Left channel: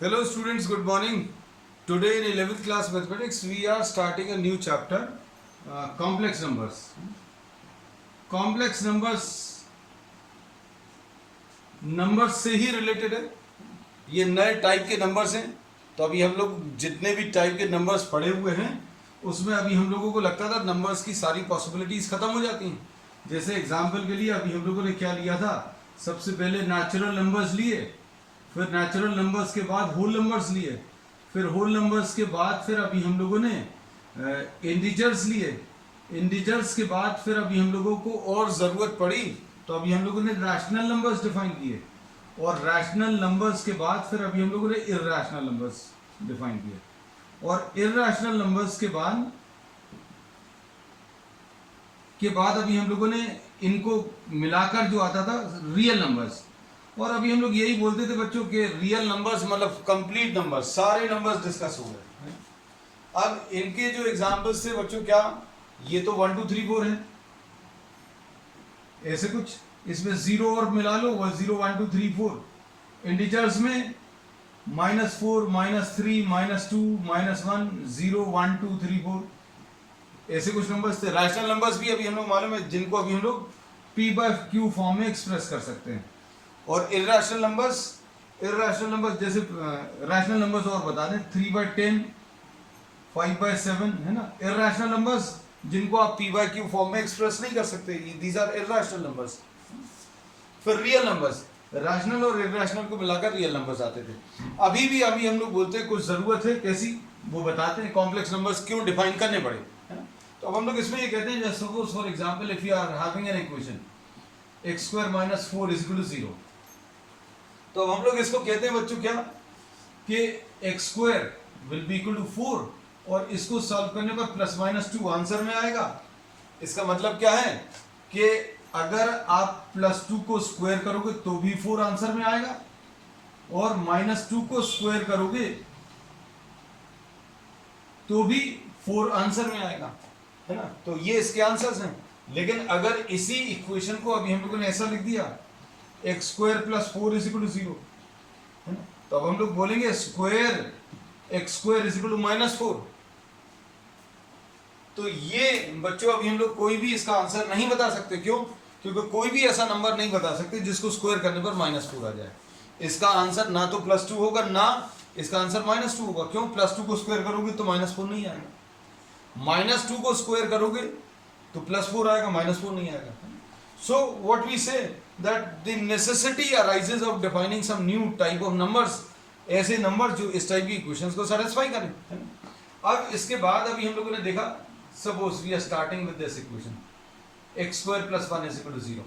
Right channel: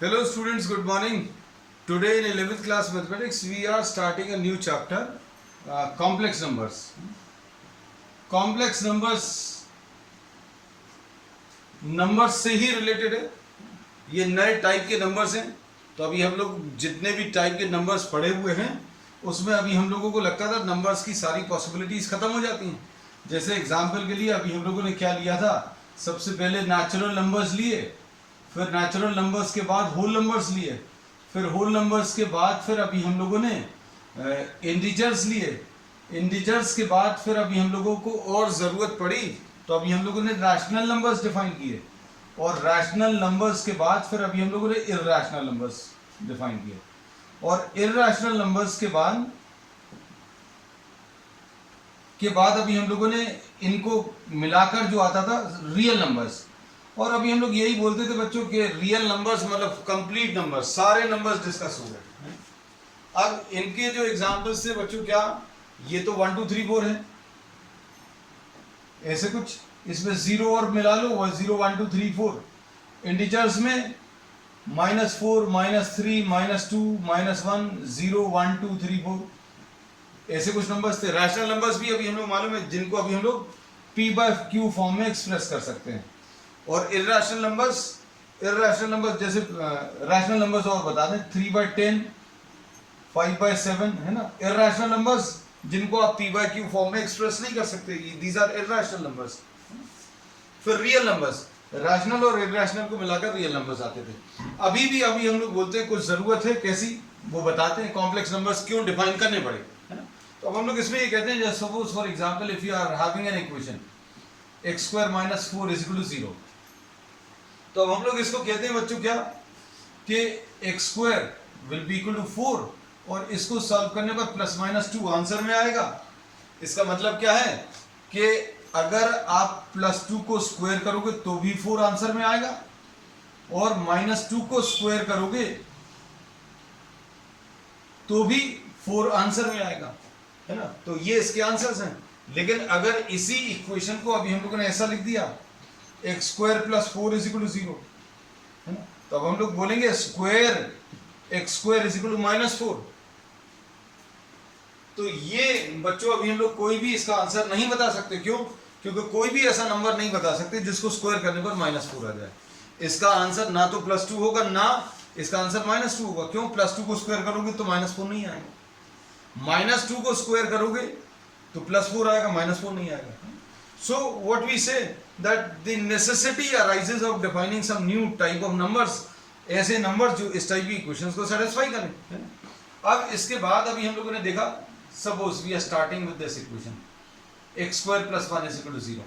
Hello students, good morning. Today in 11th class mathematics we are starting a new chapter, complex numbers. Complex numbers से ही related है. ये नए type के numbers हैं. तो अभी हम लोग जितने भी टाइप के नंबर्स पढ़े हुए हैं उसमें अभी हम लोगों को लगता था नंबर्स की सारी पॉसिबिलिटीज़ ख़त्म हो जाती हैं. जैसे एग्जाम्पल के लिए अभी हम लोगों ने क्या लिया था, सबसे पहले नेचुरल नंबर्स लिए, फिर नेचुरल नंबर्स के बाद होल नंबर्स लिए, फिर होल नंबर्स के बाद फिर अभी हम लोगों ने इंटीजर्स लिए, इंटीजर्स के बाद फिर अभी हम लोगों को और ज़रूरत पड़ी तो अभी हम लोगों ने रैशनल नंबर्स डिफाइन किए, और रैशनल नंबर्स के बाद फिर अभी हम लोगों ने इर्रेशनल नंबर्स डिफाइन किए, और इर्रेशनल नंबर्स के बाद अभी हम लोगों ने इनको मिलाकर जो आता था रियल नंबर्स. और अभी हम लोग यही बोलते थे बच्चों के रियल नंबर्स मतलब कंप्लीट नंबर्स, सारे नंबर्स डिस्कस हो रहे हैं. अब इनके जो एग्जांपल्स थे बच्चों, क्या ये तो 1 2 3 4 है, ऐसे कुछ, इसमें 0 और मिला लो, 0 1 2 3 4. इंटीजर्स में -4 -3 -2 -1 0 1 2 3 4, ऐसे कुछ नंबर्स थे. रैशनल नंबर्स भी अभी हम लोग मालूम है जिनको अभी हम लोग p/q फॉर्म में एक्सप्रेस कर सकते हैं. और इर्रेशनल नंबर्स जैसे रैशनल नंबर्स और बता दें 3/10 5/7 है ना. इर्रेशनल नंबर्स जिनको आप p/q फॉर्म में एक्सप्रेस नहीं कर सकते, दीज आर इर्रेशनल नंबर्स. फिर रियल नंबर्स, रैशनल और इर्रेशनल को मिलाकर रियल नंबर्स आते थे. अभी हम लोग बोलते हैं कुछ ज़रूरत है, कैसी वो बताते हैं, कॉम्प्लेक्स नंबर्स क्यों डिफाइन करने पड़े, है ना. तो अब हम लोग इसमें ये कहते हैं, just suppose for example if you are having an equation x² - 4 = 0, तो अब हम लोग इसको कहते हैं बच्चों क्या कि x² will be equal to 4, और इसको सॉल्व करने पर +-2 आंसर में आएगा. इसका मतलब क्या है कि अगर आप +2 को स्क्वायर करोगे तो भी 4 आंसर में आएगा, और -2 को स्क्वायर करोगे तो भी 4 आंसर में आएगा, है ना. तो ये इसके आंसर्स हैं. लेकिन अगर इसी इक्वेशन को अभी हम लोगों ने ऐसा लिख दिया x² + 4 = 0, है ना, तो अब हम लोग बोलेंगे स्क्वायर x² = -4. तो ये बच्चों अभी हम लोग कोई भी इसका आंसर नहीं बता सकते. क्यों? क्योंकि कोई भी ऐसा नंबर नहीं बता सकते जिसको स्क्वायर करने पर -4 आ जाए. इसका आंसर ना तो +2 होगा, ना इसका आंसर -2 होगा. क्यों? +2 को स्क्वायर करोगे तो -4 नहीं आएगा, -2 को स्क्वायर करोगे तो +4 आएगा, -4 नहीं आएगा. So what we say that the necessity arises of defining some new type of numbers, ऐसे नंबर्स जो इस टाइप की इक्वेशंस को सेटिस्फाई करें, है ना. अब इसके बाद अभी हम लोगों ने देखा, suppose we are starting with this equation x² + 1 = 0.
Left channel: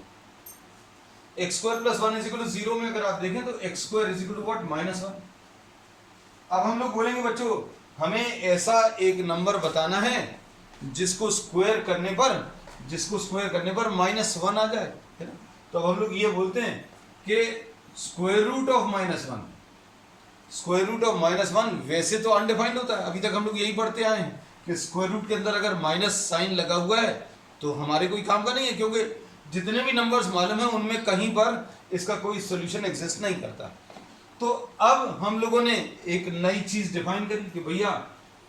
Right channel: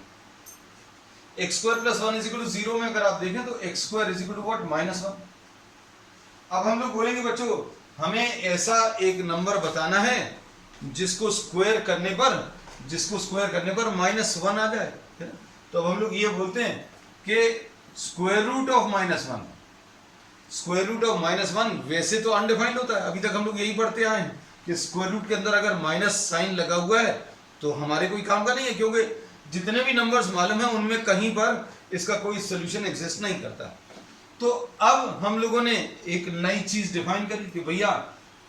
x² + 1 = 0 में अगर आप देखें तो x² = what? -1. अब हम लोग बोलेंगे बच्चों हमें ऐसा एक नंबर बताना है जिसको स्क्वायर करने पर -1 आ जाए, है ना. तो अब हम लोग ये बोलते हैं कि स्क्वायर रूट ऑफ -1 वैसे तो अनडिफाइंड होता है. अभी तक हम लोग यही पढ़ते आए हैं कि स्क्वायर रूट के अंदर अगर माइनस साइन लगा हुआ है तो हमारे कोई काम का नहीं है, क्योंकि जितने भी नंबर्स मालूम है उनमें कहीं पर इसका कोई सोल्यूशन एग्जिस्ट नहीं करता. तो अब हम लोगों ने एक नई चीज डिफाइन करी कि भैया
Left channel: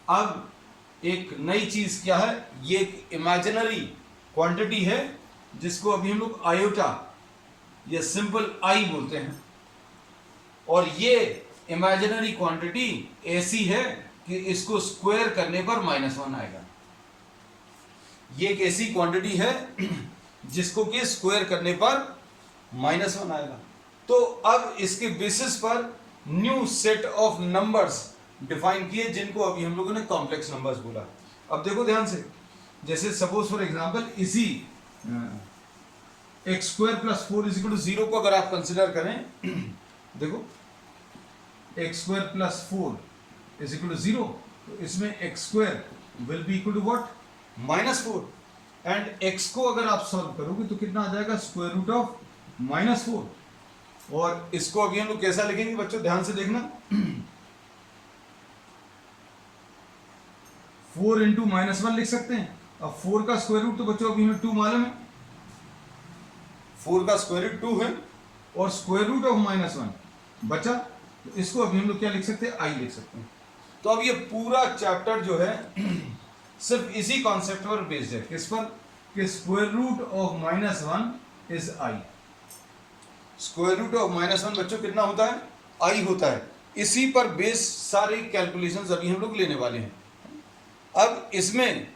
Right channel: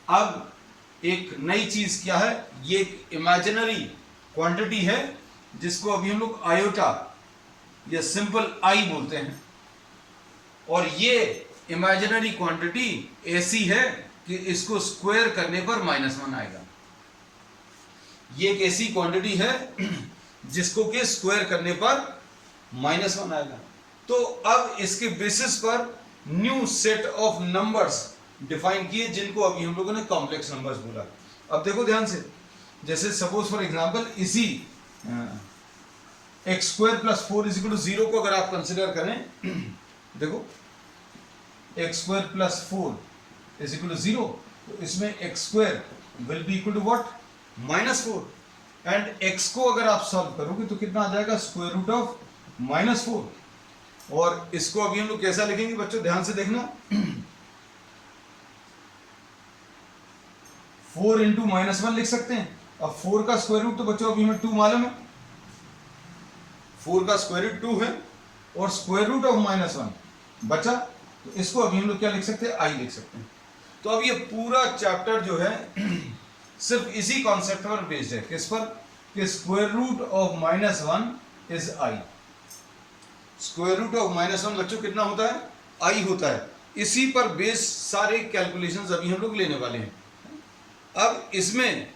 अब एक नई चीज क्या है, ये एक इमेजिनरी क्वांटिटी है जिसको अभी हम लोग आयोटा या सिंपल आई बोलते हैं. और ये इमेजिनरी क्वांटिटी ऐसी है कि इसको स्क्वायर करने पर -1 आएगा. ये एक ऐसी क्वांटिटी है जिसको कि स्क्वायर करने पर -1 आएगा. तो अब इसके बेसिस पर new set of numbers define किए जिनको अभी हम लोगों ने कॉम्प्लेक्स नंबर्स बोला. अब देखो ध्यान से, जैसे सपोज फॉर एग्जांपल इसी x² + 4 = 0 को अगर आप कंसिडर करें, देखो x² + 4 = 0, तो इसमें x² will be equal to what? -4. And x को अगर आप सॉल्व करोगे तो कितना आ जाएगा? Square root of -4. और इसको अभी हम लोग कैसा लिखेंगे बच्चों, ध्यान से देखना, 4 × -1 लिख सकते हैं. अब 4 का स्क्वायर रूट तो बच्चों अभी हमें 2 मालूम है, 4 का स्क्वायर रूट 2 है, और स्क्वायर रूट ऑफ -1 बचा तो इसको अभी हम लोग क्या लिख सकते हैं, आई लिख सकते हैं। तो अब ये पूरा चैप्टर जो है सिर्फ इसी कॉन्सेप्ट पर बेस्ड है, किस पर, कि square root of -1 is i. Square root of -1 बच्चों कितना होता है, आई होता है। इसी पर बेस सारे कैलकुलेशंस अभी हम लोग लेने वाले हैं। अब इसमें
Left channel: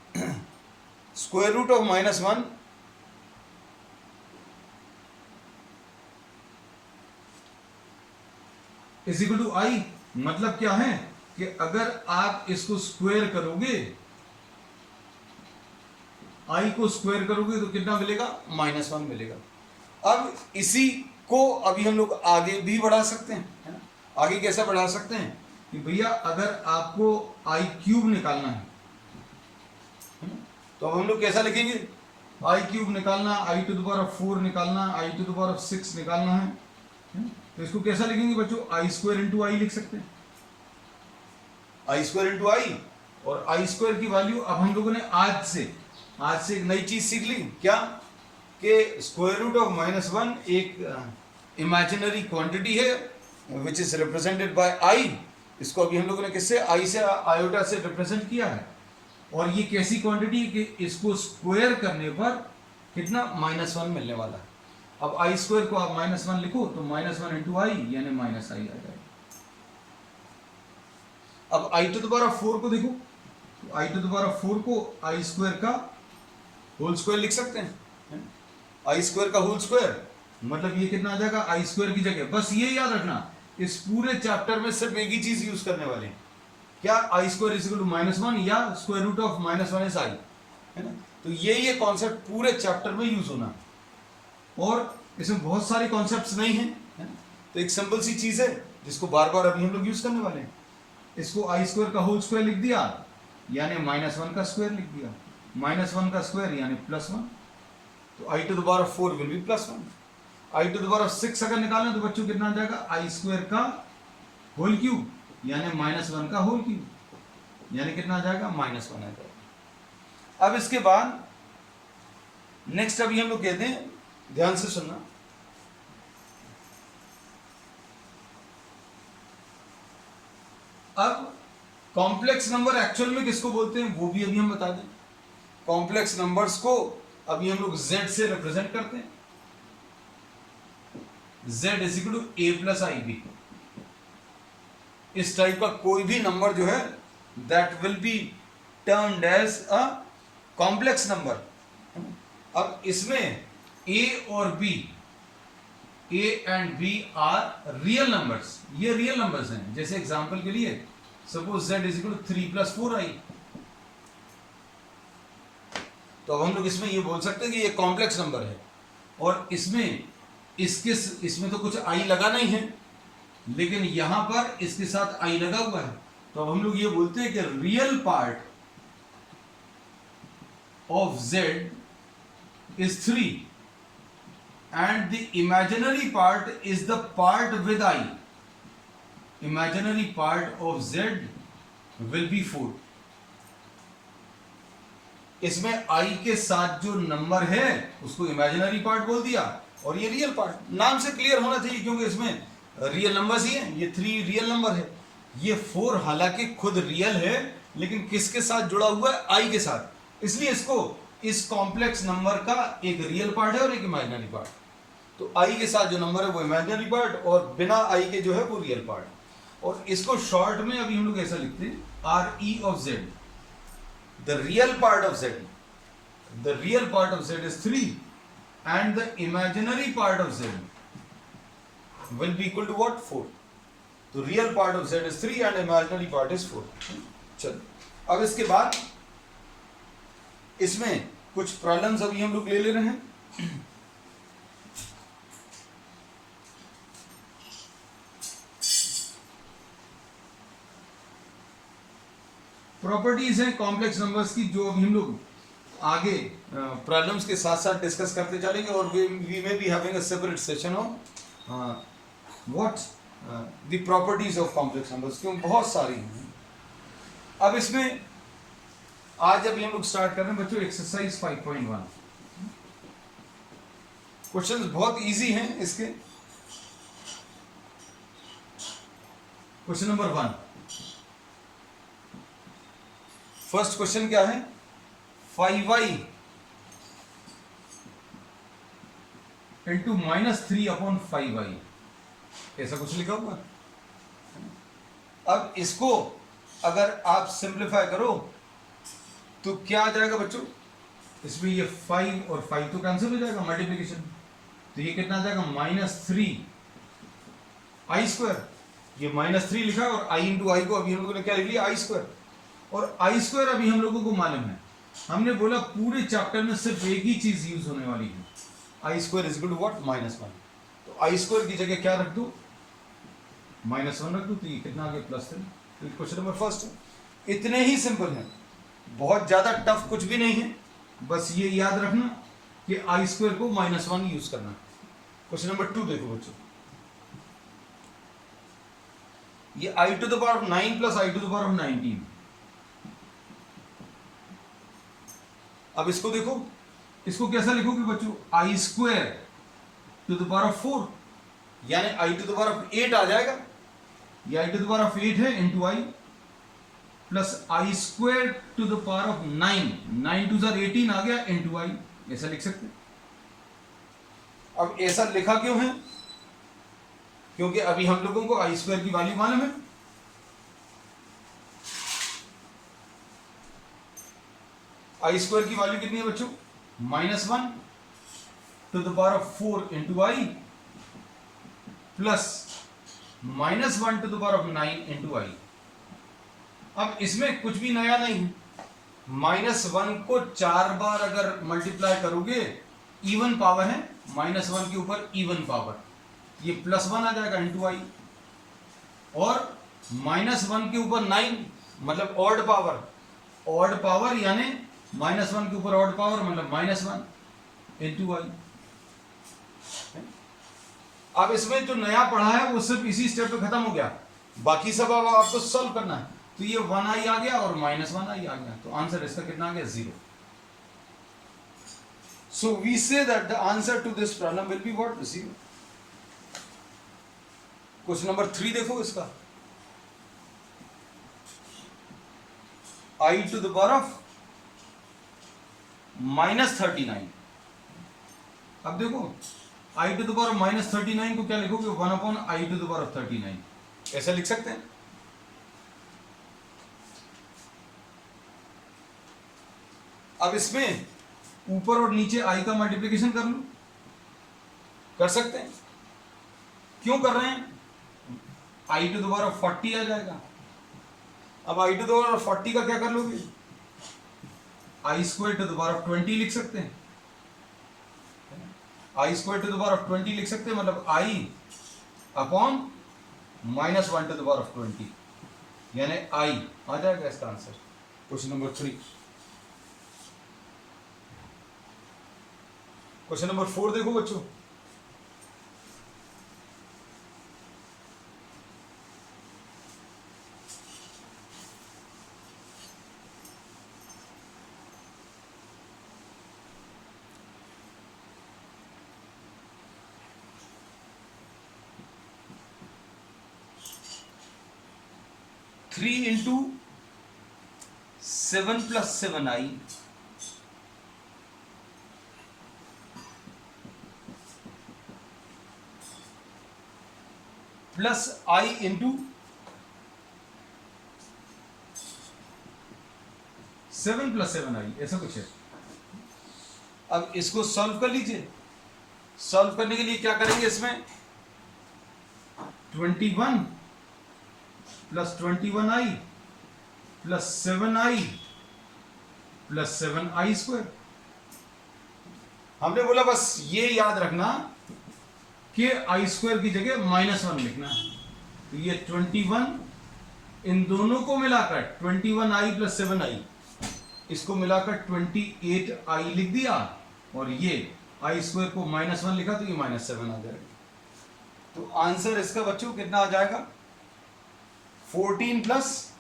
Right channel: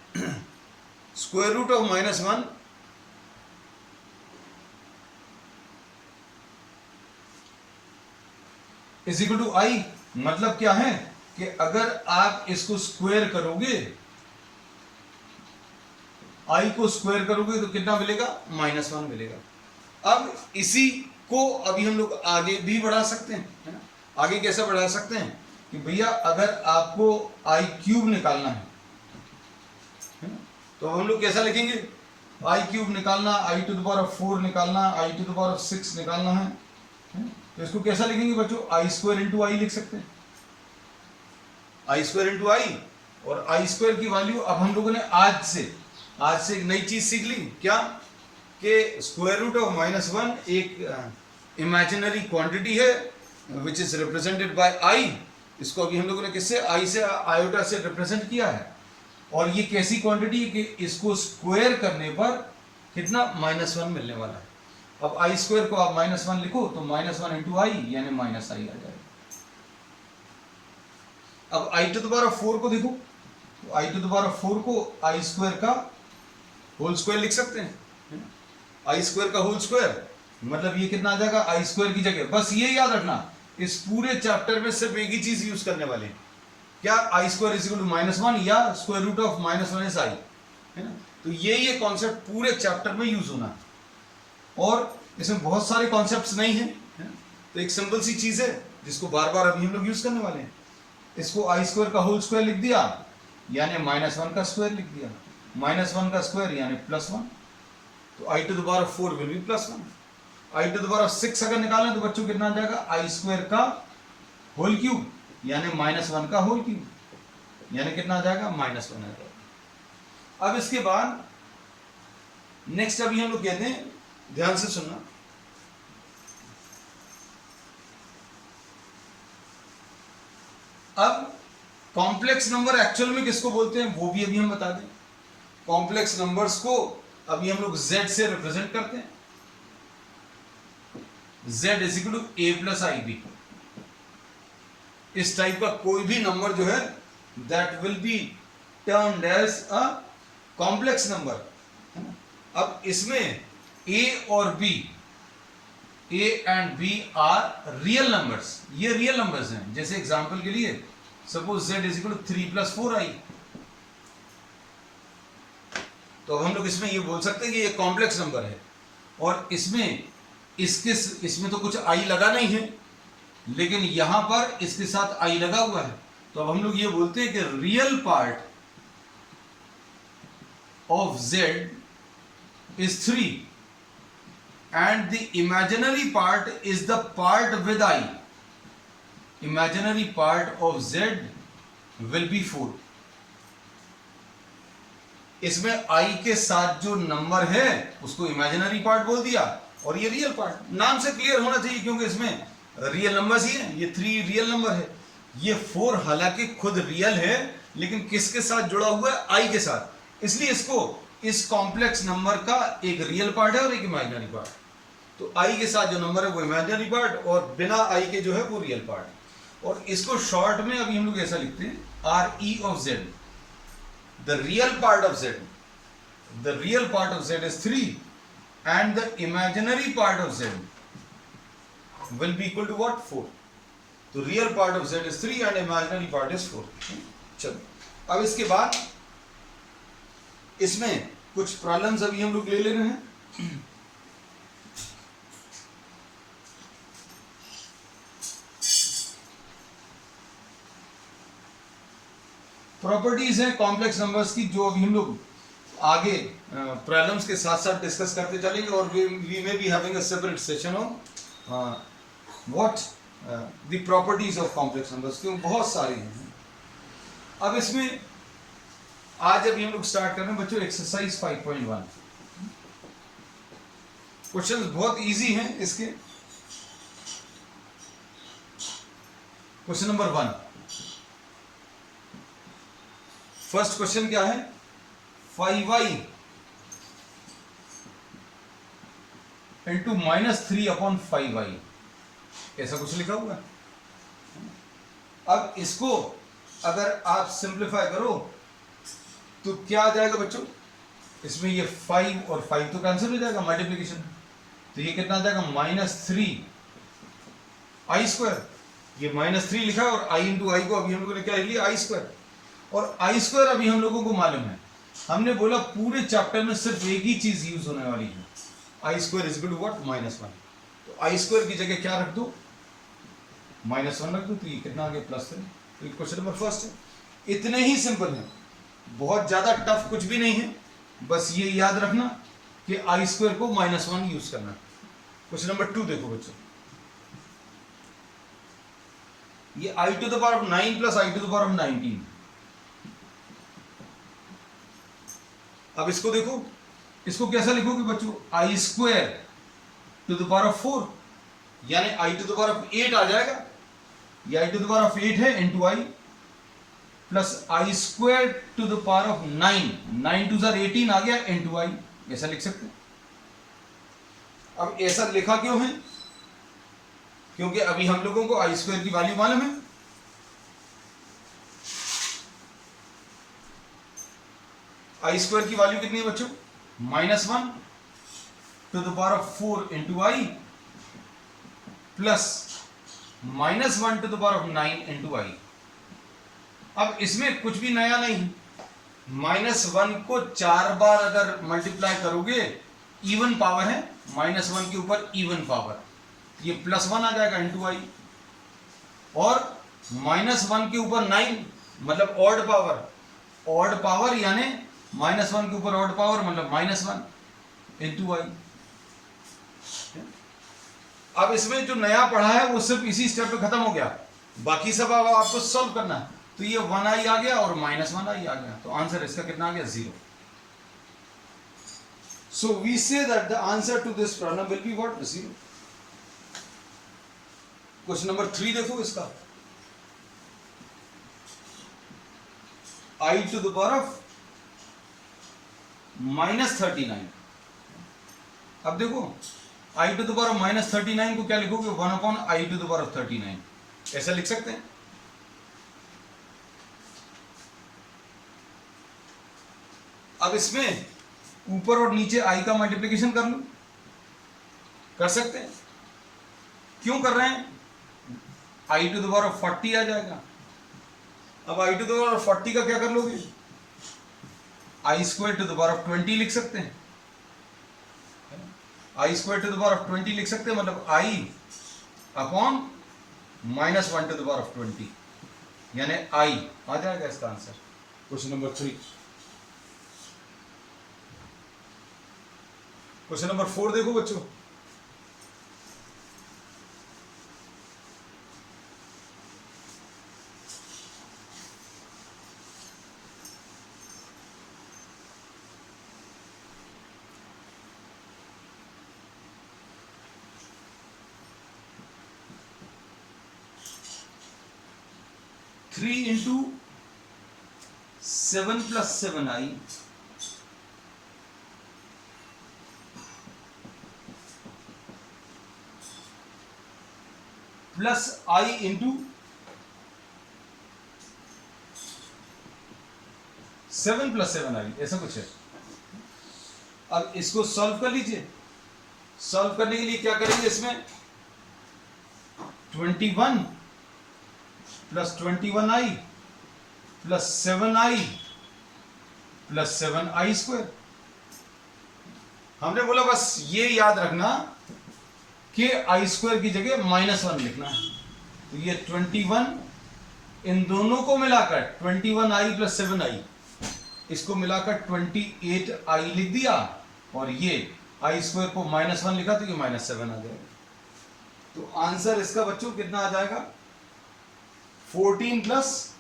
square root of -1 is equal to I, मतलब क्या है कि अगर आप इसको स्क्वायर करोगे, आई को स्क्वायर करोगे तो कितना मिलेगा, -1 मिलेगा। अब इसी को अभी हम लोग आगे भी बढ़ा सकते हैं, है ना। आगे कैसे बढ़ा सकते हैं कि भैया अगर आपको आई क्यूब निकालना है ना, तो अब हम लोग कैसा लिखेंगे, आई क्यूब निकालना, आई टू द पावर ऑफ 4 निकालना, आई टू द पावर ऑफ 6 निकालना है, तो इसको कैसा लिखेंगे बच्चों, आई स्क्वायर इंटू आई लिख सकते हैं, आई स्क्वायर इंटू आई। और आई स्क्वायर की वैल्यू अब हम लोगों ने आज से एक नई चीज सीख ली, क्या, कि स्क्वायर रूट ऑफ -1 एक इमेजिनरी क्वांटिटी है विच इज रिप्रेजेंटेड बाय आई। इसको अभी हम लोगों ने किससे, आई से, आयोटा से रिप्रेजेंट किया है। और ये कैसी क्वांटिटी है कि इसको स्क्वायर करने पर कितना, -1 मिलने वाला है। अब आई स्क्वायर को आप -1 लिखो तो -1 इंटू आई यानी -i आ जाएगा। अब आई टू द पावर ऑफ 4 को देखो, तो I to the power of 4 को आई स्क्वायर का होल स्क्वायर लिख सकते हैं, आई स्क्वायर का होल स्क्वायर, मतलब ये कितना आ जाएगा, आई स्क्वायर की जगह बस ये याद रखना, इस पूरे चैप्टर में सिर्फ एक ही चीज यूज करने वाले हैं, क्या, i square is equal to -1 या square root of -1 is i, है ना। तो ये कॉन्सेप्ट पूरे चैप्टर में यूज होना है। और इसमें बहुत सारे कॉन्सेप्ट्स नहीं है, है ना? तो एक सिंपल सी चीज है जिसको बार बार अभी हम लोग यूज करने वाले हैं। इसको आई स्क्वायर का होल स्क्वायर लिख दिया यानी -1 का स्क्वायर लिख दिया, -1 का स्क्वायर यानी +1, तो I to the power of 4 will be +1। I to the power of 6 अगर निकालें तो बच्चों कितना आ जाएगा, आई स्क्वायर का होल क्यूब यानी -1 का होल क्यूब, यानी कितना आ जाएगा, -1 आ जाएगा। अब इसके बाद नेक्स्ट अभी हम लोग कहते हैं, ध्यान से सुनना, अब कॉम्प्लेक्स नंबर एक्चुअल में किसको बोलते हैं वो भी अभी हम बता दें। कॉम्प्लेक्स नंबर्स को अभी हम लोग z से रिप्रेजेंट करते हैं, z is equal to a plus i b. इस टाइप का कोई भी नंबर जो है that will be termed as a complex number. अब इसमें a और b, a and b are real numbers, ये रियल नंबर्स हैं। जैसे एग्जांपल के लिए suppose z is equal to 3 + 4i, तो हम लोग इसमें ये बोल सकते हैं कि ये कॉम्प्लेक्स नंबर है। और इसमें तो कुछ i लगा नहीं है, लेकिन यहां पर इसके साथ i लगा हुआ है, तो अब हम लोग ये बोलते हैं कि real part of z is 3 and the imaginary part is the part with I. Imaginary part of z will be 4. इसमें I के साथ जो नंबर है उसको इमेजिनरी पार्ट बोल दिया, और ये रियल पार्ट। नाम से क्लियर होना चाहिए क्योंकि इसमें रियल नंबर्स ही हैं। ये 3 रियल नंबर है, ये 4 हालांकि खुद रियल है लेकिन किसके साथ जुड़ा हुआ है, I के साथ, इसलिए इसको इस कॉम्प्लेक्स नंबर का एक रियल पार्ट है और एक इमेजिनरी पार्ट। तो आई के साथ जो नंबर है वो इमेजिनरी पार्ट और बिना आई के जो है वो रियल पार्ट। और इसको शॉर्ट में अभी हम लोग ऐसा लिखते हैं, r e of z, the real part of z, the real part of z is 3 and the imaginary part of z will be equal to what, 4। तो real part of z is 3 and imaginary part is 4। चलो अब इसके बाद इसमें कुछ problems अभी हम लोग ले रहे हैं। प्रॉपर्टीज हैं कॉम्प्लेक्स नंबर्स की जो अभी हम लोग आगे प्रॉब्लम्स के साथ साथ डिस्कस करते चलेंगे, और we may be having a separate session on what the properties of complex numbers, क्योंकि बहुत सारी हैं। अब इसमें आज अभी हम लोग स्टार्ट कर रहे हैं बच्चों एक्सरसाइज 5.1। क्वेश्चंस बहुत इजी हैं इसके। क्वेश्चन नंबर 1, फर्स्ट क्वेश्चन क्या है, 5y इंटू -3/5y, ऐसा कुछ लिखा हुआ। अब इसको अगर आप सिंप्लीफाई करो तो क्या आ जाएगा बच्चों, इसमें ये 5 और 5 तो कैंसिल हो जाएगा मल्टीप्लीकेशन, तो ये कितना आ जाएगा -3i²। ये -3 लिखा है और i इंटू आई को अभी हम लोगों ने क्या लिख लिया, i²। और i² अभी हम लोगों को मालूम है, हमने बोला पूरे चैप्टर में सिर्फ एक ही चीज यूज होने वाली है, i² is equal to what, -1। तो i² की जगह क्या रख दो, -1 रख दो, तो ये कितना आ गया, +3। तो क्वेश्चन नंबर फर्स्ट है, इतने ही सिंपल है, बहुत ज्यादा टफ कुछ भी नहीं है, बस ये याद रखना कि i² को -1 यूज करना। क्वेश्चन नंबर 2 देखो बच्चों, ये i⁻9 + i⁻19। अब इसको देखो, इसको कैसा लिखोगे बच्चों, i² 4, यानी i⁸ आ जाएगा, ये i⁸ है इंटू आई प्लस i² 9, 9 2 18 आ गया इंटू आई, ऐसा लिख सकते हैं। अब ऐसा लिखा क्यों है, क्योंकि अभी हम लोगों को i² की वैल्यू मालूम है। i² की वैल्यू कितनी है बच्चों, -1/4 इंटू आई प्लस -1/9 इंटू आई। अब इसमें कुछ भी नया नहीं है, -1 को 4 बार अगर मल्टीप्लाई करोगे, इवन पावर है, -1 के ऊपर इवन पावर, ये +1 आ जाएगा इंटू आई, और -1 के ऊपर 9 मतलब ऑड पावर, ऑड पावर यानी -1 के ऊपर ऑड पावर मतलब -1 इंटू आई। अब इसमें जो नया पढ़ा है वो सिर्फ इसी स्टेप पे खत्म हो गया, बाकी सब अब आपको सॉल्व करना है। तो ये 1i आ गया और -1i आ गया, तो आंसर इसका कितना आ गया, 0। So we say that the answer to this problem will be what, 0। Question number 3 देखो इसका, i⁻39। अब देखो i⁻39 को क्या लिखोगे, 1/i⁻39, ऐसा लिख सकते हैं। अब इसमें ऊपर और नीचे i का मल्टीप्लिकेशन कर लो, कर सकते हैं। क्यों कर रहे हैं, i⁻40 आ जाएगा। अब i⁻40 का क्या कर लोगे, i² 20 लिख सकते हैं, i² 20 लिख सकते हैं, मतलब i/(-1/20), यानी i आ जाएगा इसका answer. Question number 3। Question number 4 देखो बच्चों, three into 7 + 7i plus i into 7 + 7i, ऐसा कुछ है। अब इसको सॉल्व कर लीजिए। सॉल्व करने के लिए क्या करेंगे, इसमें 21 + 21i plus 7i plus 7i²। हमने बोला बस ये याद रखना कि i² की जगह -1 लिखना है। तो ये 21, इन दोनों को मिलाकर 21i प्लस 7i, इसको मिलाकर 28i लिख दिया, और ये i² को -1 लिखा तो ये -7 आ जाएगा। तो आंसर इसका बच्चों कितना आ जाएगा, 14 +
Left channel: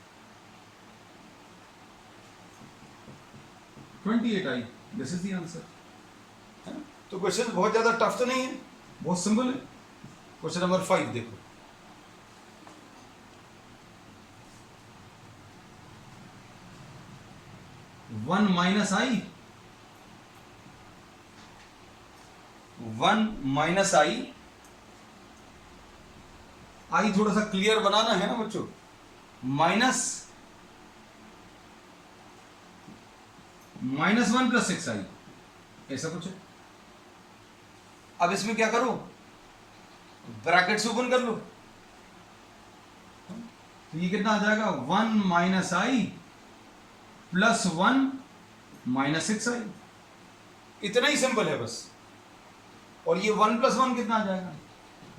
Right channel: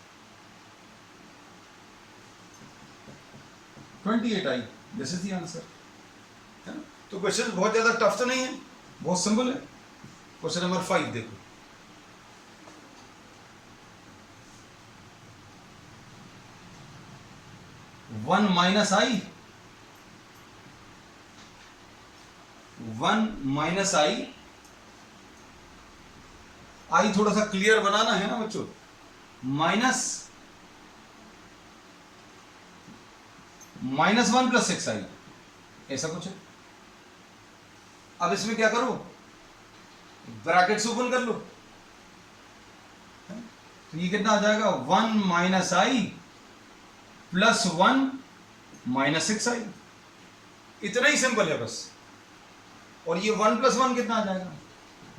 28i। This is the answer, है ना। तो क्वेश्चन बहुत ज्यादा टफ तो नहीं है, बहुत सिंपल है। क्वेश्चन नंबर 5 देखो, 1 माइनस आई, 1 माइनस आई, आई थोड़ा सा क्लियर बनाना है ना बच्चों, माइनस 1 प्लस 6 आई, ऐसा कुछ है। अब इसमें क्या करो, ब्रैकेट्स ओपन कर लो, तो ये कितना आ जाएगा, 1 माइनस आई प्लस 1 माइनस 6 आई, इतना ही सिंपल है बस। और ये 1 प्लस 1 कितना आ जाएगा,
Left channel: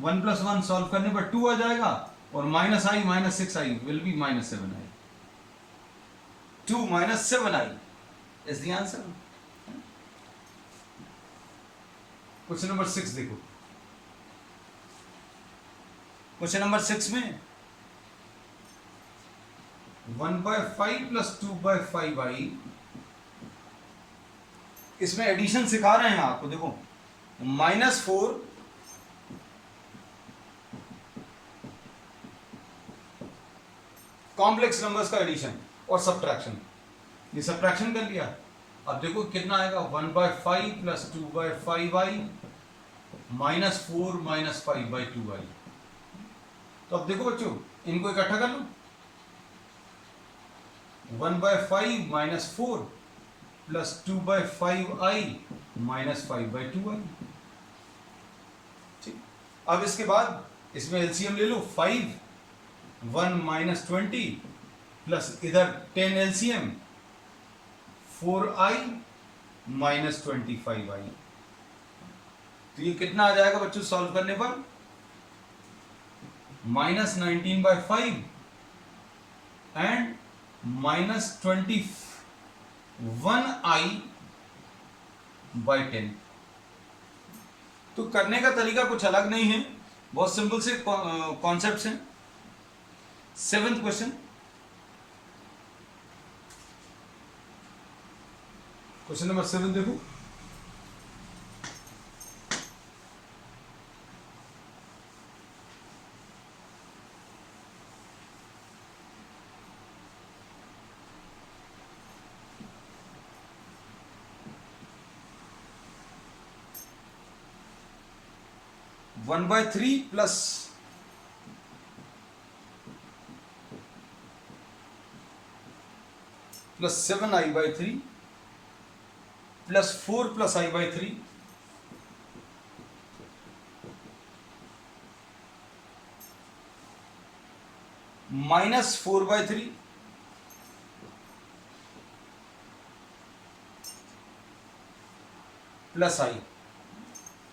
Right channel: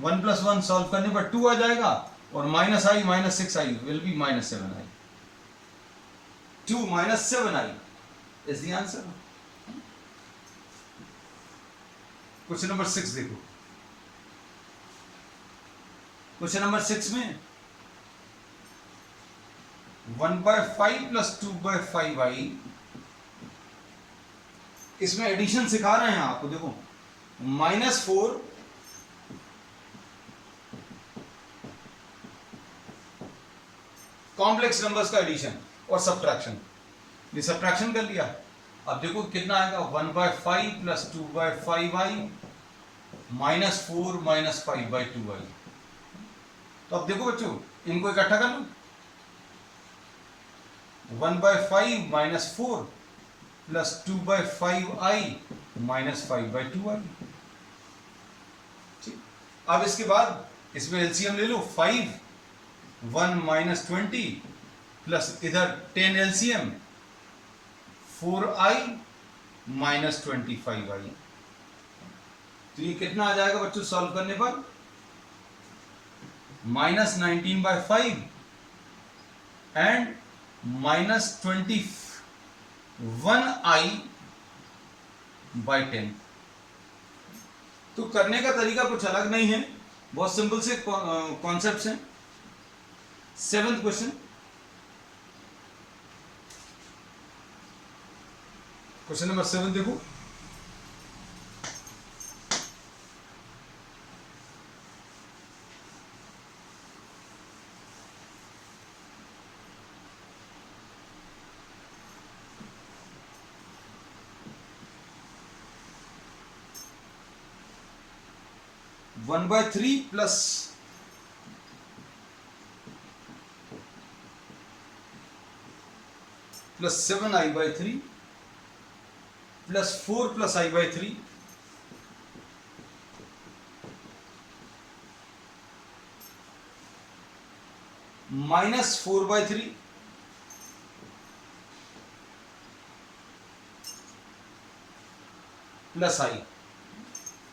1 प्लस 1 सॉल्व करने पर 2 आ जाएगा, और minus I minus 6 I will be minus 7 I, 2 minus 7 I is the answer. Question number 6 देखो, क्वेश्चन नंबर 6 में 1/5 प्लस 2/5 आई, इसमें एडिशन सिखा रहे हैं आपको, देखो -4 कॉम्प्लेक्स नंबर्स का एडिशन और सब्ट्रैक्शन, ये सब्ट्रैक्शन कर लिया। अब देखो कितना आएगा, 1/5 प्लस 2/5 आई माइनस 4 माइनस 5/2 आई। तो अब देखो बच्चों, इनको इकट्ठा कर लो, 1/5 माइनस 4 प्लस 2/5 आई माइनस 5/2 आई। ठीक, अब इसके बाद इसमें एलसीएम ले लो, 5 1 माइनस 20 प्लस इधर 10 एलसीएम 4i माइनस 25i। तो ये कितना आ जाएगा बच्चों सॉल्व करने पर, -19/5 एंड -21i/10। तो करने का तरीका कुछ अलग नहीं है, बहुत सिंपल से कॉन्सेप्ट्स हैं। 7th क्वेश्चन, क्वेश्चन नंबर 7 देखो, one by three plus plus 7i/3 plus 4 plus i/3 minus 4/3 plus i।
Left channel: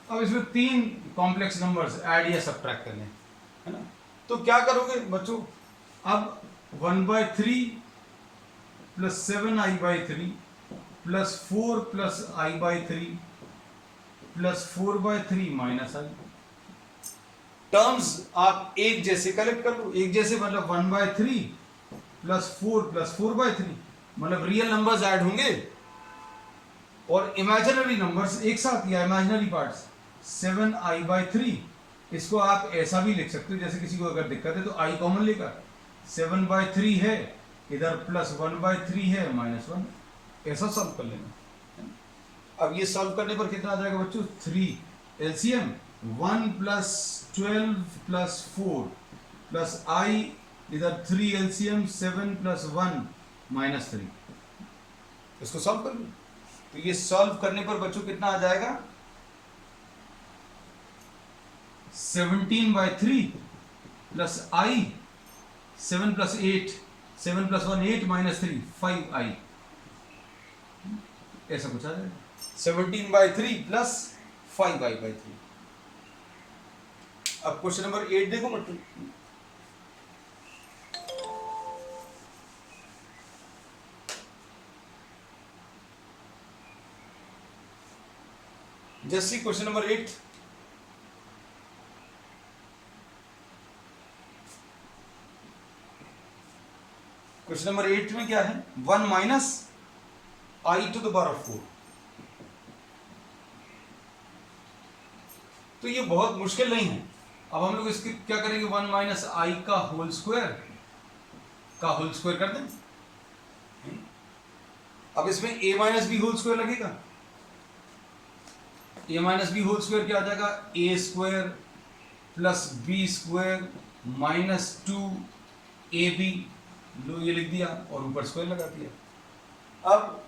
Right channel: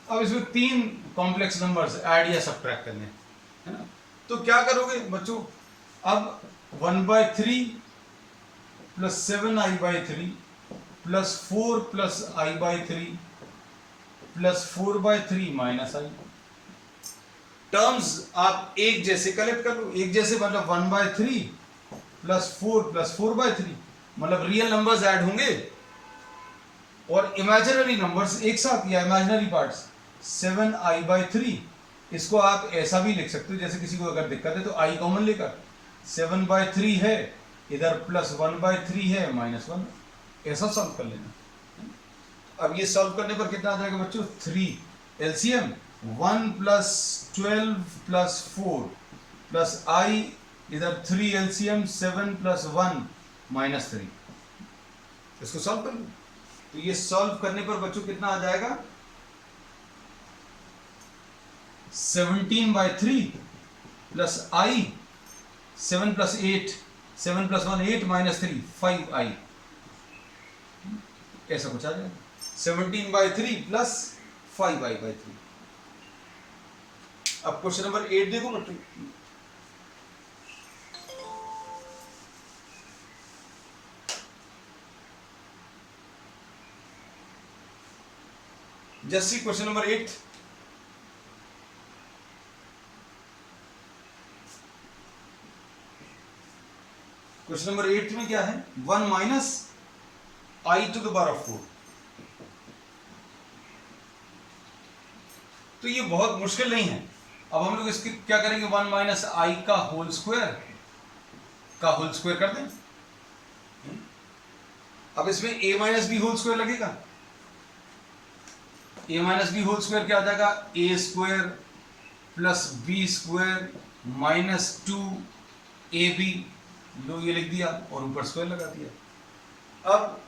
अब इसमें 3 कॉम्प्लेक्स नंबर्स ऐड या सब्ट्रैक्ट करने है ना, तो क्या करोगे बच्चों, अब 1/3 plus 7i/3 plus 4 plus i/3 plus 4/3 minus i। Terms आप एक जैसे कलेक्ट कर लो, एक जैसे मतलब 1/3 प्लस 4/3 मतलब रियल नंबर्स ऐड होंगे और इमेजिनरी नंबर्स एक साथ, या इमेजिनरी पार्ट्स 7i/3, इसको आप ऐसा भी लिख सकते हो, जैसे किसी को अगर दिक्कत है तो i कॉमन लेकर 7/3 है, इधर प्लस 1/3 है -1, ऐसा सॉल्व कर लेना। अब ये सॉल्व करने पर कितना आ जाएगा बच्चों, 3 LCM 1 plus 12 plus 4 plus i, इधर 3 एलसीएम 7 प्लस 1 -3, इसको सॉल्व कर लो। तो ये सॉल्व करने पर बच्चों कितना आ जाएगा, 17/3 plus i 7 plus 8 7 plus 1 8 -3 5i, ऐसा कुछ आ जाएगा 17/3 प्लस 5i/3। अब क्वेश्चन नंबर 8 देखो ना, just see question number 8। Question number 8 में क्या है, 1 माइनस i⁴। तो ये बहुत मुश्किल नहीं है। अब हम लोग इसकी क्या करेंगे, 1 माइनस i का होल स्क्वायर कर दें। अब इसमें a minus b whole square लगेगा, a minus b whole square क्या आ जाएगा, a square plus b square minus 2ab, लो ये लिख दिया और ऊपर स्क्वायर लगा दिया। अब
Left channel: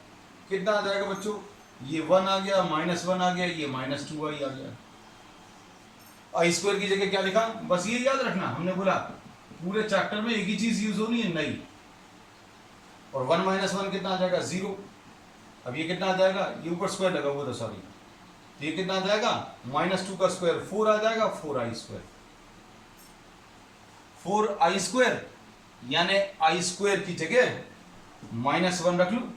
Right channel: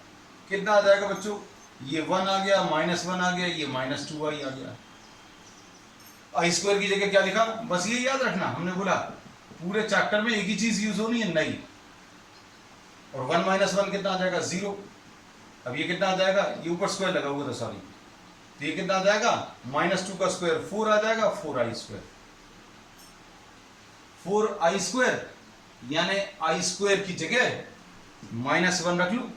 कितना आ जाएगा बच्चों, ये 1 आ गया, -1 आ गया, ये -2i आ गया। आई स्क्वायर की जगह क्या लिखा, बस ये याद रखना, हमने बोला पूरे चैप्टर में एक ही चीज यूज होनी है, नई। और 1 - 1 कितना आ जाएगा, 0। अब ये कितना आ जाएगा, ये ऊपर स्क्वायर लगा हुआ था सॉरी, तो ये कितना आ जाएगा, -2 का स्क्वायर 4 आ जाएगा, 4i स्क्वायर। 4i स्क्वायर यानी आई स्क्वायर की जगह -1 रख लो,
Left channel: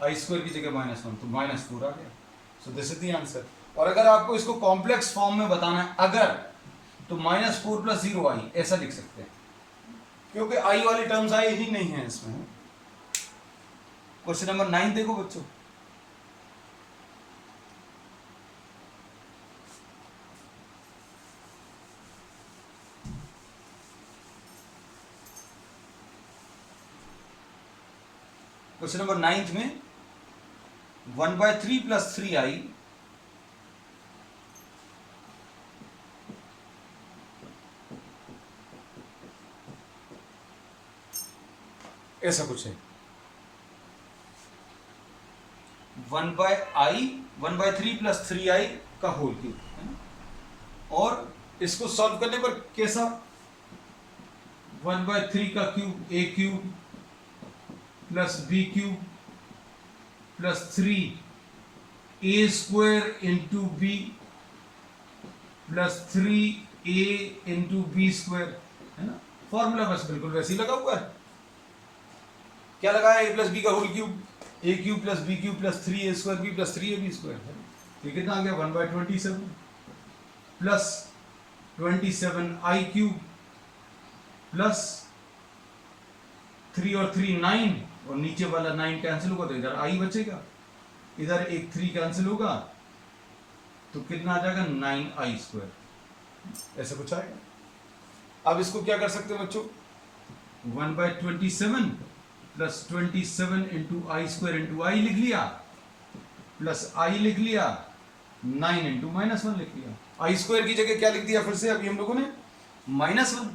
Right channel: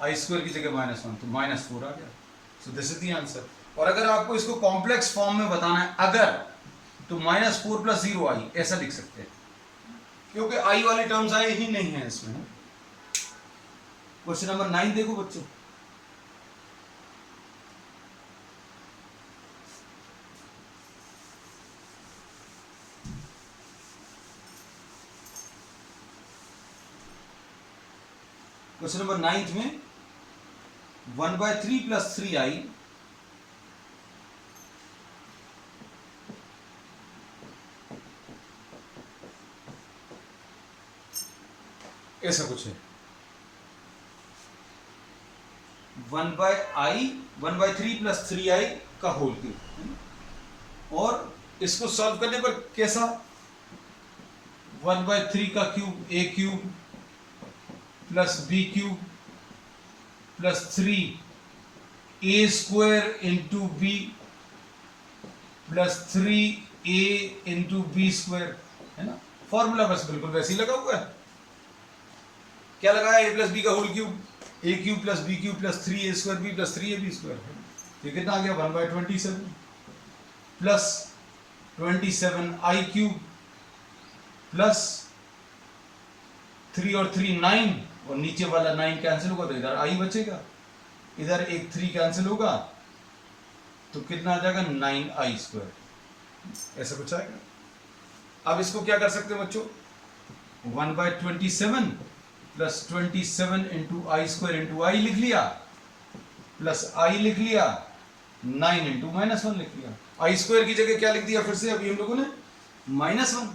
आई स्क्वायर की जगह -1 तो -4 आ गया। So this is the answer. और अगर आपको इसको कॉम्प्लेक्स फॉर्म में बताना है अगर, तो -4 + 0i ऐसा लिख सकते हैं, क्योंकि आई वाली टर्म्स आए ही नहीं है इसमें। क्वेश्चन नंबर 9 देखो बच्चों, क्वेश्चन नंबर 9 में 1/3 + 3i ऐसा कुछ है, 1/3 + 3i का होल क्यूब। और इसको सॉल्व करने पर कैसा, 1/3 का cube a cube plus b cube plus 3a square into b plus 3a into b square, है ना। फॉर्मूला बस बिल्कुल वैसे ही लगा हुआ है, क्या लगा है, a + b का whole cube, a cube plus b cube plus 3a square b plus 3ab square, ये कितना आ गया, 1/27 प्लस 27i क्यूब प्लस 3 और 3 9, और नीचे वाला 9 कैंसिल होगा तो इधर i बचेगा, इधर एक 3 कैंसिल होगा तो कितना आ जाएगा, 9i स्क्वायर, ऐसा कुछ आएगा। अब इसको क्या कर सकते हैं बच्चों, 1/27 प्लस 27 इंटू आई स्क्वायर इंटू आई लिख लिया, प्लस आई लिख लिया, 9 इंटू -1 लिख लिया। आई स्क्वायर की जगह क्या लिख दिया फिर से अभी हम लोगों ने, -1।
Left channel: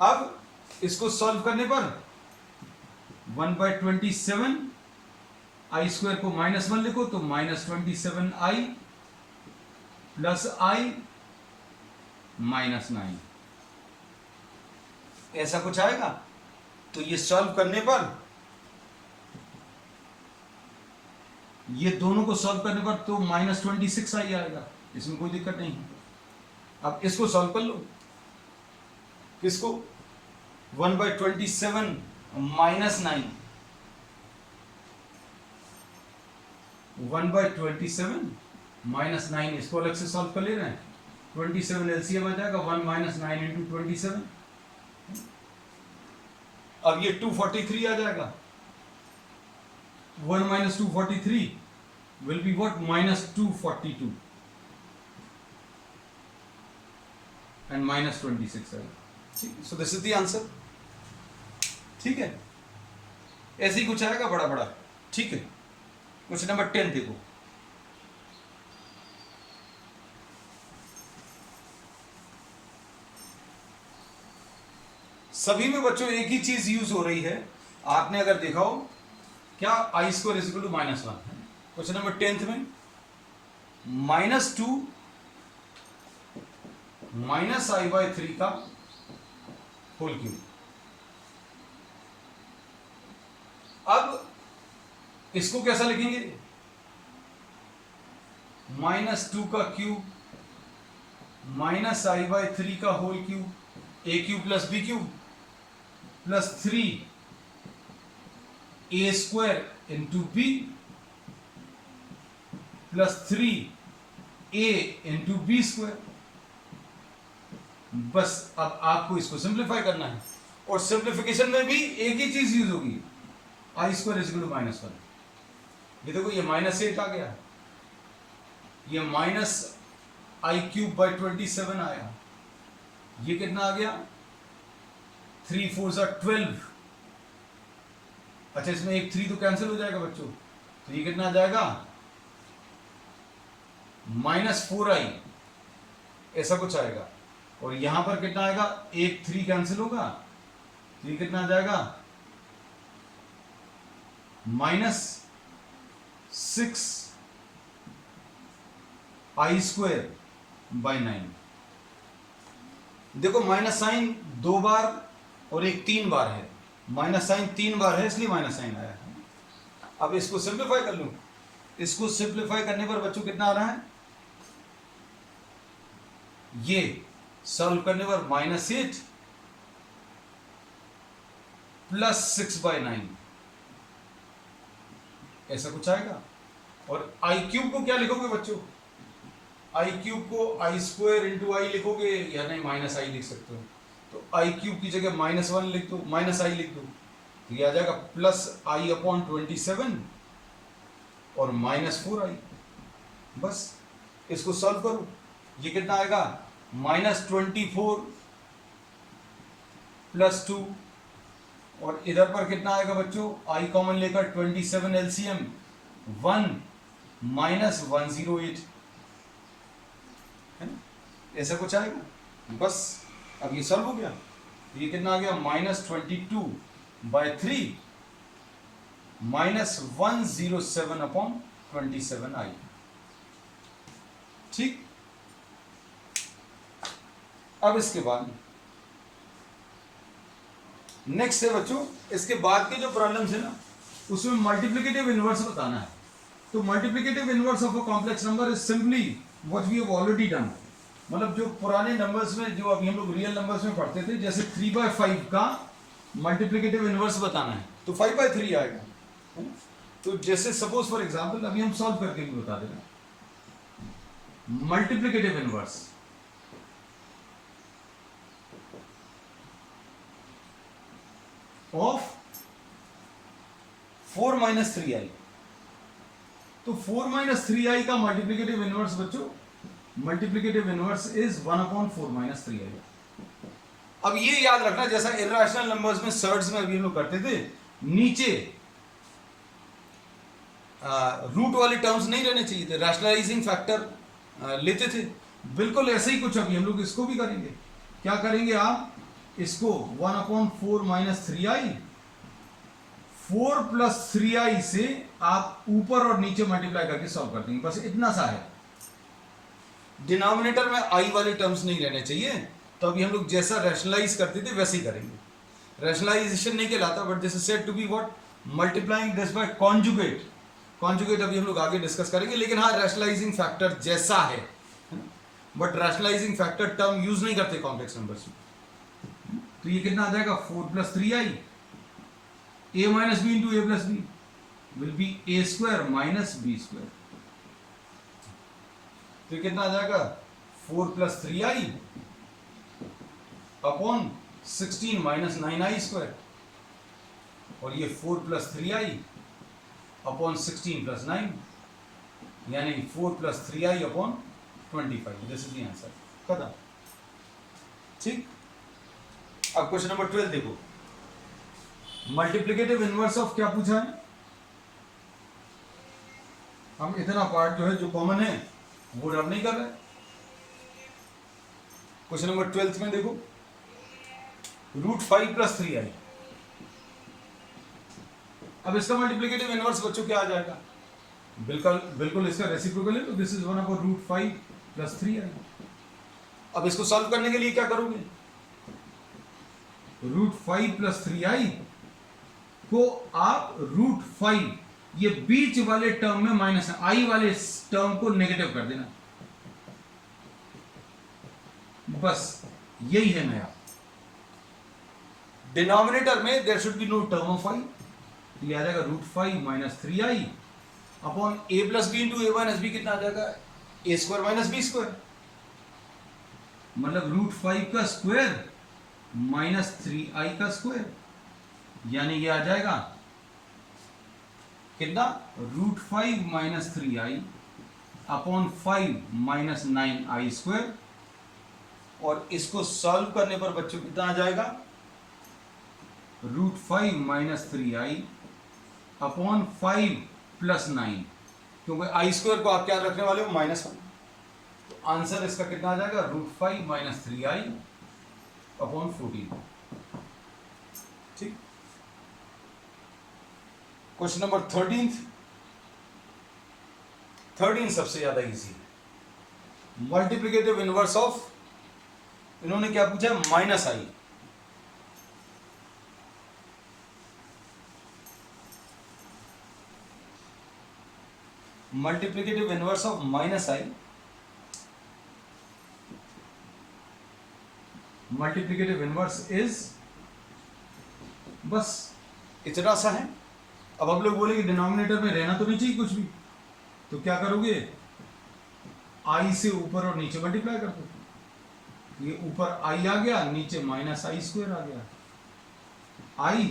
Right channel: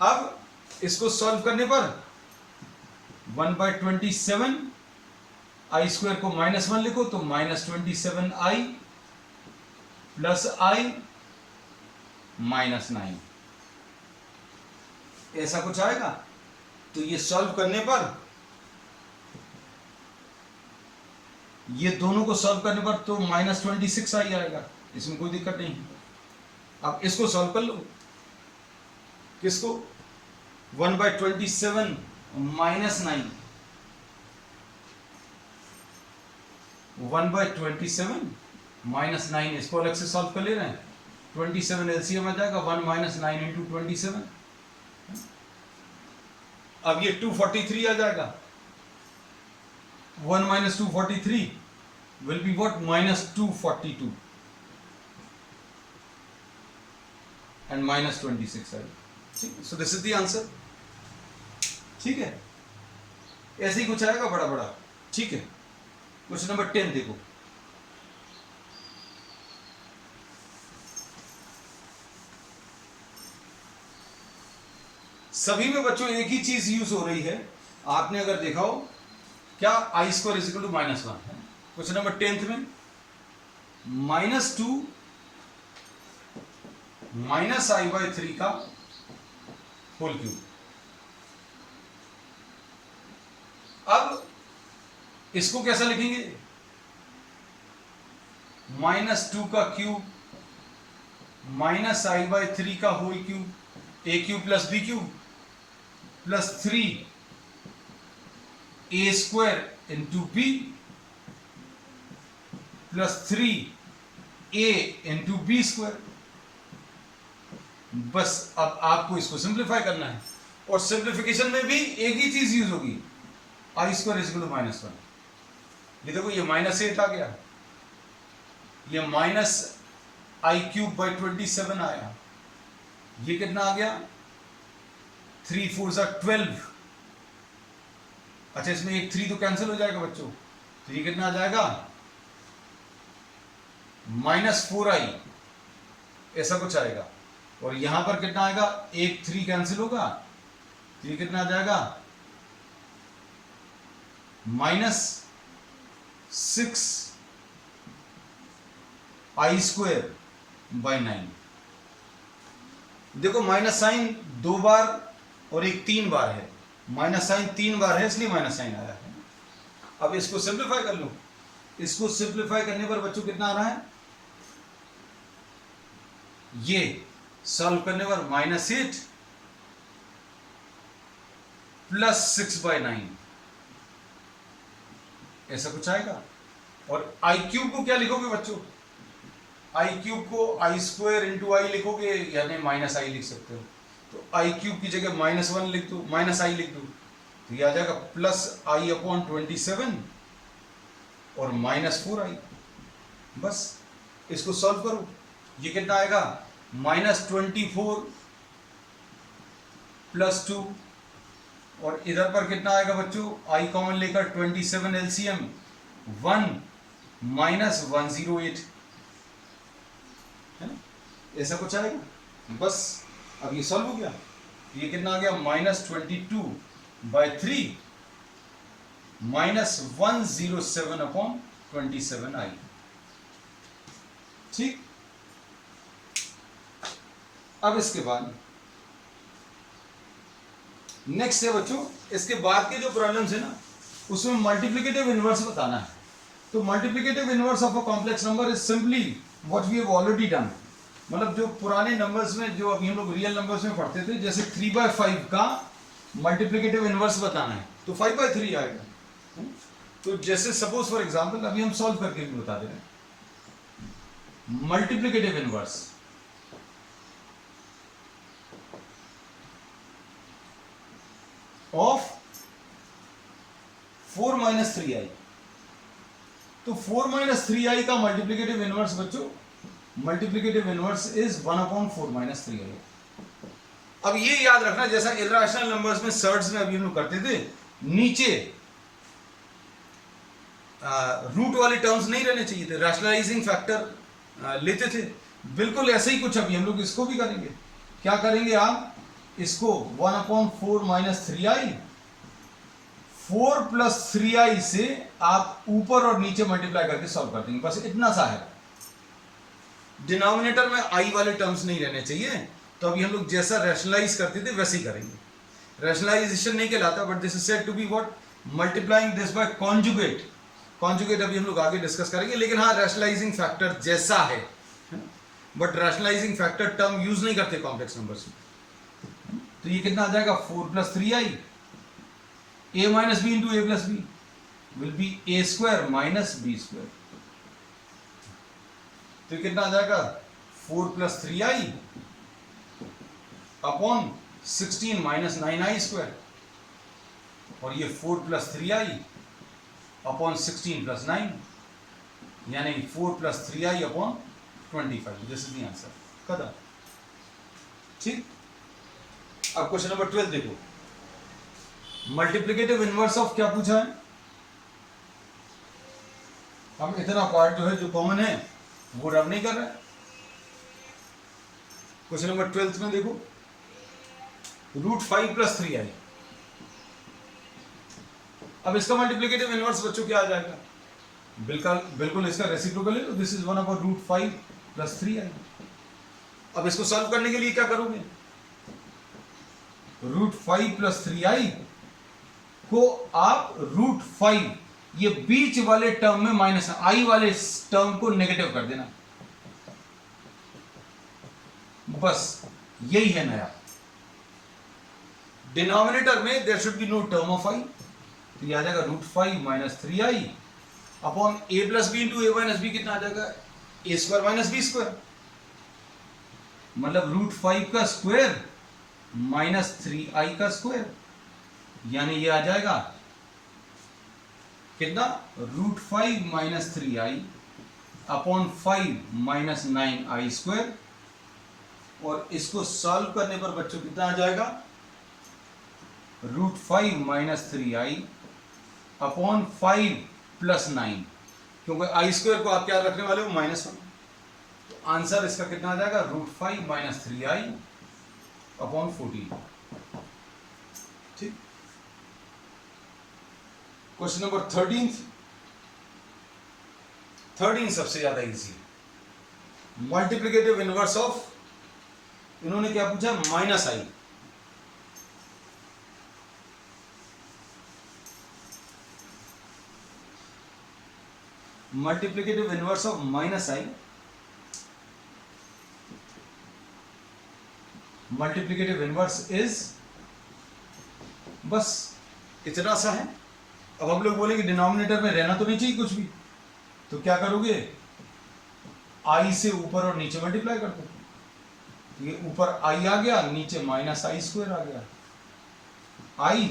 अब इसको सॉल्व करने पर 1/27 आई स्क्वायर को -1 लिखो तो -27i प्लस i -9, ऐसा कुछ आएगा। तो ये सॉल्व करने पर, ये दोनों को सॉल्व करने पर तो -26i आएगा, इसमें कोई दिक्कत नहीं है। अब इसको सॉल्व कर लो, किसको, 1/27 -9, 1/27 -9, इसको अलग से सॉल्व कर ले रहे हैं, 27 एलसीएम आ जाएगा, 1 - 9 इंटू 27, अब ये 243 आ जाएगा, 1 - 243 विल बी व्हाट, -242 एंड -26 आएगा, ठीक है। So this is the answer, ठीक है, ऐसे ही कुछ आएगा बड़ा बड़ा, ठीक है। क्वेश्चन नंबर 10 देखो, सभी में बच्चों एक ही चीज यूज हो रही है, आपने अगर देखा हो, क्या, i square is equal to -1 है। क्वेश्चन नंबर 10 में -2 -i/3 का होल क्यूब। अब इसको कैसा लिखेंगे, -2 का क्यूब -i/3 का whole cube, a cube plus b cube plus 3a square into b plus 3a into b square. बस अब आपको इसको सिंप्लीफाई करना है, और सिंप्लीफिकेशन में भी एक ही चीज यूज होगी, आई स्क्वायर इज इक्वल टू -1। ये देखो, ये -8 आ गया, ये -i³/27 आया, ये कितना आ गया, 3 4 12, अच्छा, इसमें एक 3 तो कैंसिल हो जाएगा बच्चों, तो ये कितना आ जाएगा -4i, ऐसा कुछ आएगा। और यहां पर कितना आएगा, एक 3 कैंसिल होगा, तो ये कितना आ जाएगा -6i²/9। देखो माइनस साइन 2 बार और एक 3 बार है, माइनस साइन 3 बार है इसलिए माइनस साइन आया है। अब इसको सिंप्लीफाई कर लूं, इसको सिंप्लीफाई करने पर बच्चों कितना आ रहा है, ये सॉल्व करने पर -8 + 6/9 ऐसा कुछ आएगा। और i³ को क्या लिखोगे बच्चों, i³ को i² × i लिखोगे या नहीं -i लिख सकते हो, तो i³ की जगह -1 लिख दो, -i लिख दो, तो ये आ जाएगा +i/27 और -4i। बस इसको सॉल्व करो, ये कितना आएगा -24 + 2, और इधर पर कितना आएगा बच्चों, i कॉमन लेकर 27 LCM 1 -108 है ना, ऐसा कुछ आएगा। बस अब ये सॉल्व हो गया, ये कितना आ गया -22/3 -107/27i। ठीक, अब इसके बाद नेक्स्ट है बच्चों, इसके बाद के जो प्रॉब्लम्स है ना, उसमें मल्टीप्लिकेटिव इनवर्स बताना है। तो multiplicative inverse of a complex number is simply what we have already done. मतलब जो पुराने नंबर्स में, जो अभी हम लोग रियल नंबर्स में पढ़ते थे, जैसे 3/5 का मल्टीप्लिकेटिव इनवर्स बताना है तो 5/3 आएगा। तो जैसे सपोज फॉर एग्जांपल अभी हम सॉल्व करके भी बता दे रहे हैं, मल्टीप्लिकेटिव इनवर्स ऑफ 4 - 3i। तो 4 - 3i का मल्टीप्लिकेटिव इनवर्स बच्चों, मल्टीप्लिकेटिव इनवर्स इज 1/4 - 3i। अब ये याद रखना, जैसा इर्रेशनल नंबर्स में सर्ड्स में अभी हम लोग करते थे, नीचे रूट वाले टर्म्स नहीं रहने चाहिए थे, रैशनलाइजिंग फैक्टर लेते थे। बिल्कुल ऐसे ही कुछ अभी हम लोग इसको भी करेंगे। क्या करेंगे आप, इसको 1/4 - 3i, 4 + 3i से आप ऊपर और नीचे मल्टीप्लाई करके सॉल्व कर देंगे, बस इतना सा है। डिनोमिनेटर में i वाले टर्म्स नहीं रहने चाहिए। तो अभी हम लोग जैसा रैशनलाइज करते थे वैसे ही करेंगे। रैशनलाइजेशन नहीं कहलाता, but this is said to be what, multiplying this by conjugate. Conjugate अभी हम लोग आगे डिस्कस करेंगे, लेकिन हाँ रैशनलाइजिंग फैक्टर जैसा है ना, but rationalising factor term use नहीं करते कॉम्प्लेक्स नंबर्स में। तो ये कितना आ जाएगा, 4 + 3i, a - b × a + b will be a² - b²। तो कितना आ जाएगा, 4 + 3i अपॉन 16 - 9i², और ये 4 + 3i अपॉन 16 + 9, यानी 4 + 3i upon 25। This is the answer, खत्म। ठीक, अब क्वेश्चन नंबर 12 देखो, मल्टीप्लिकेटिव इनवर्स ऑफ क्या पूछा है। हम इतना पार्ट जो है, जो कॉमन है, वो रब नहीं कर रहे। क्वेश्चन नंबर 12 में देखो, √5 + 3i। अब इसका मल्टीप्लिकेटिव इनवर्स बच्चों क्या आ जाएगा, बिल्कुल इसका रेसिप्रोकल है, तो दिस इज 1/√5 + 3i। अब इसको सॉल्व करने के लिए क्या करोगे, √5 + 3i को आप √5, ये बीच वाले टर्म में माइनस i वाले टर्म को नेगेटिव कर देना, बस यही है नया। डिनोमिनेटर में there should be no term of i, तो ये आ जाएगा √5 - 3i upon a + b × a - b कितना आ जाएगा, a² - b², मतलब √5 का स्क्वायर - 3i का स्क्वायर, यानी ये आ जाएगा कितना, √5 - 3i अपॉन 5 - 9i², और इसको सॉल्व करने पर बच्चों कितना आ जाएगा, √5 - 3i अपॉन 5 प्लस 9, क्योंकि आई स्क्वायर को आप क्या रखने वाले हो, -1। तो आंसर इसका कितना आ जाएगा, √5 - 3i अपॉन 14। ठीक। क्वेश्चन नंबर 13 सबसे ज्यादा इजी है। मल्टीप्लिकेटिव इनवर्स ऑफ, इन्होंने क्या पूछा, -i। Multiplicative inverse of -i, multiplicative inverse is, बस इतना सा है। अब हम लोग बोलेंगे डिनोमिनेटर में रहना तो नहीं चाहिए कुछ भी, तो क्या करोगे, i से ऊपर और नीचे मल्टीप्लाई कर दो। ये ऊपर i आ गया, नीचे -i² आ गया, i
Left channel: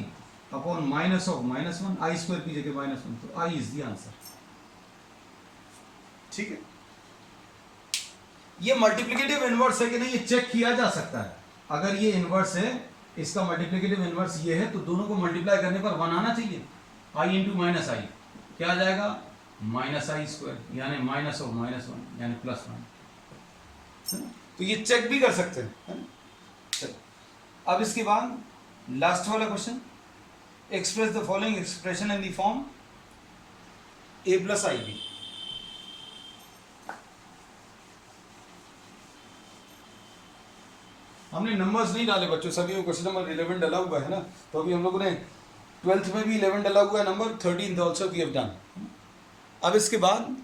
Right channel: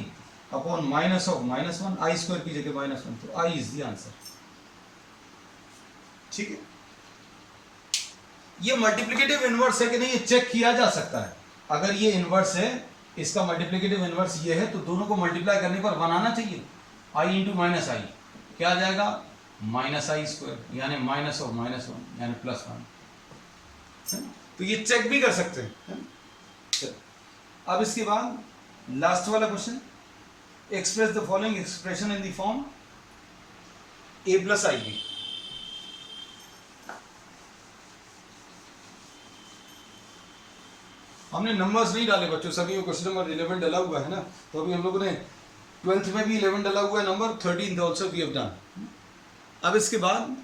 upon minus of -1, i² की जगह -1, तो i इज द आंसर। ठीक है। ये मल्टीप्लिकेटिव इनवर्स है कि नहीं, ये चेक किया जा सकता है। अगर ये इनवर्स है, इसका मल्टीप्लिकेटिव इनवर्स ये है, तो दोनों को मल्टीप्लाई करने पर 1 आना चाहिए। i इंटू -i क्या आ जाएगा, -i², यानी माइनस ऑफ -1 यानी +1। तो ये चेक भी कर सकते हैं। अब इसके बाद लास्ट वाला question, express the following expression in the form a + ib। हमने नंबर्स नहीं डाले बच्चों, सभी को क्वेश्चन नंबर 11 डाला हुआ है ना, तो अभी हम लोगों ने 12th में भी 11 डाला हुआ है number, 13th also we have done. अब इसके बाद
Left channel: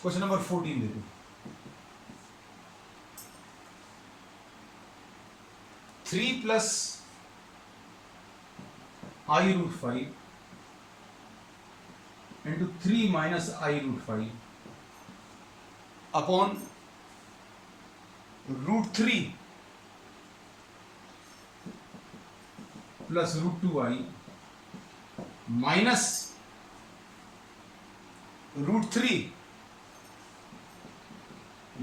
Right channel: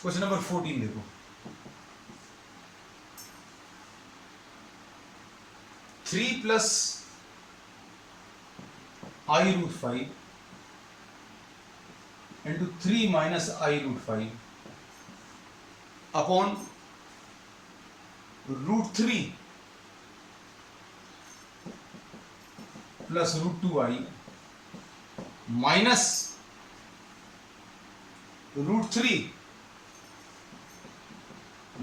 क्वेश्चन नंबर 14 देखो, 3 + i√5 into 3 - i√5 upon √3 plus √2i minus √3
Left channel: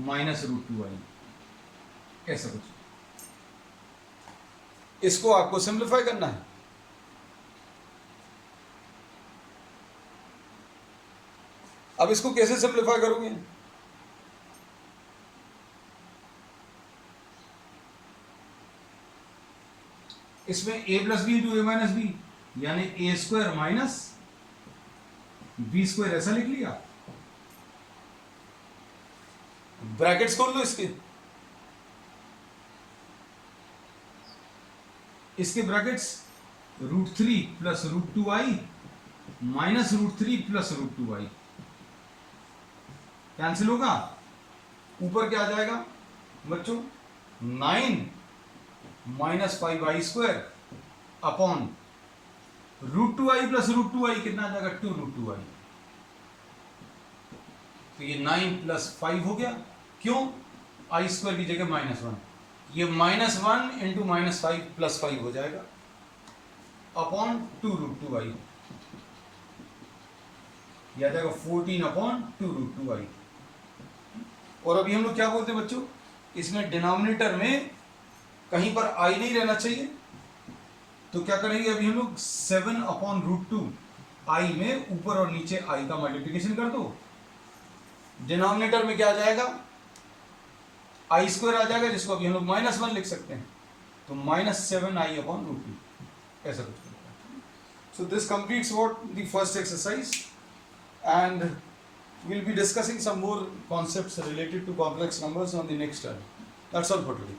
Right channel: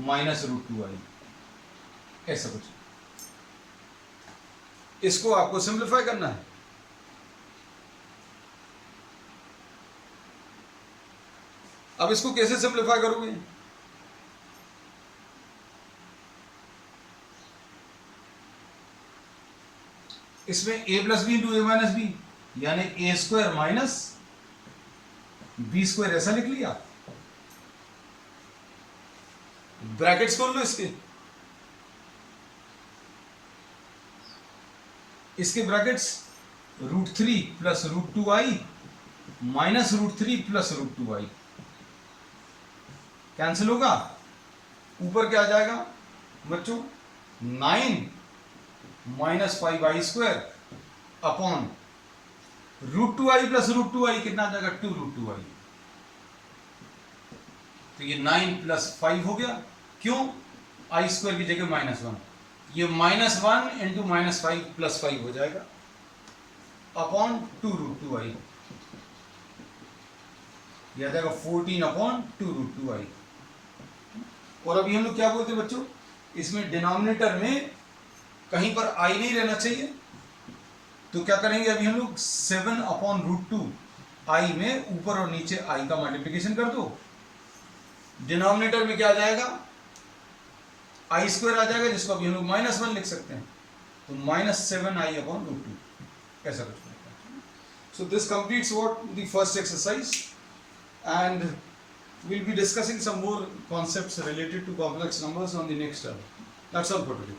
minus √2i, ऐसा कुछ। इसको आपको सिंप्लीफाई करना है। अब इसको कैसे सिंप्लीफाई करोगे, इसमें a + b into a - b यानी a² माइनस b², ऐसा लिख लिया। ब्रैकेट्स खोल लो इसके brackets, √3 plus √2i minus √3 plus √2i cancel होगा। ऊपर क्या आ जाएगा बच्चों, 9 - 5i² upon √2i plus √2i कितना आ जाएगा, 2√2i। तो ये 9 + 5 हो गया, क्यों, i² की जगह -1, ये -1 इंटू -5 + 5 हो जाएगा अपॉन 2√2i, यह आ जाएगा 14 अपॉन 2√2i। और अभी हम लोग क्या बोलते हैं बच्चों, इसमें डिनोमिनेटर में कहीं पर i नहीं रहना चाहिए, तो क्या करेंगे, अभी हम लोग 7 अपॉन √2i में ऊपर और नीचे i का मल्टीप्लिकेशन कर दो। डिनोमिनेटर में क्या आ जाएगा, i² आ जाएगा, जिसको अभी हम लोग -1 लिख सकते हैं, तो -7i अपॉन √2, ऐसा कुछ बनेगा। So this completes what the first exercise, and we'll be discussing some more concepts related to complex numbers on the next term. That's all for today.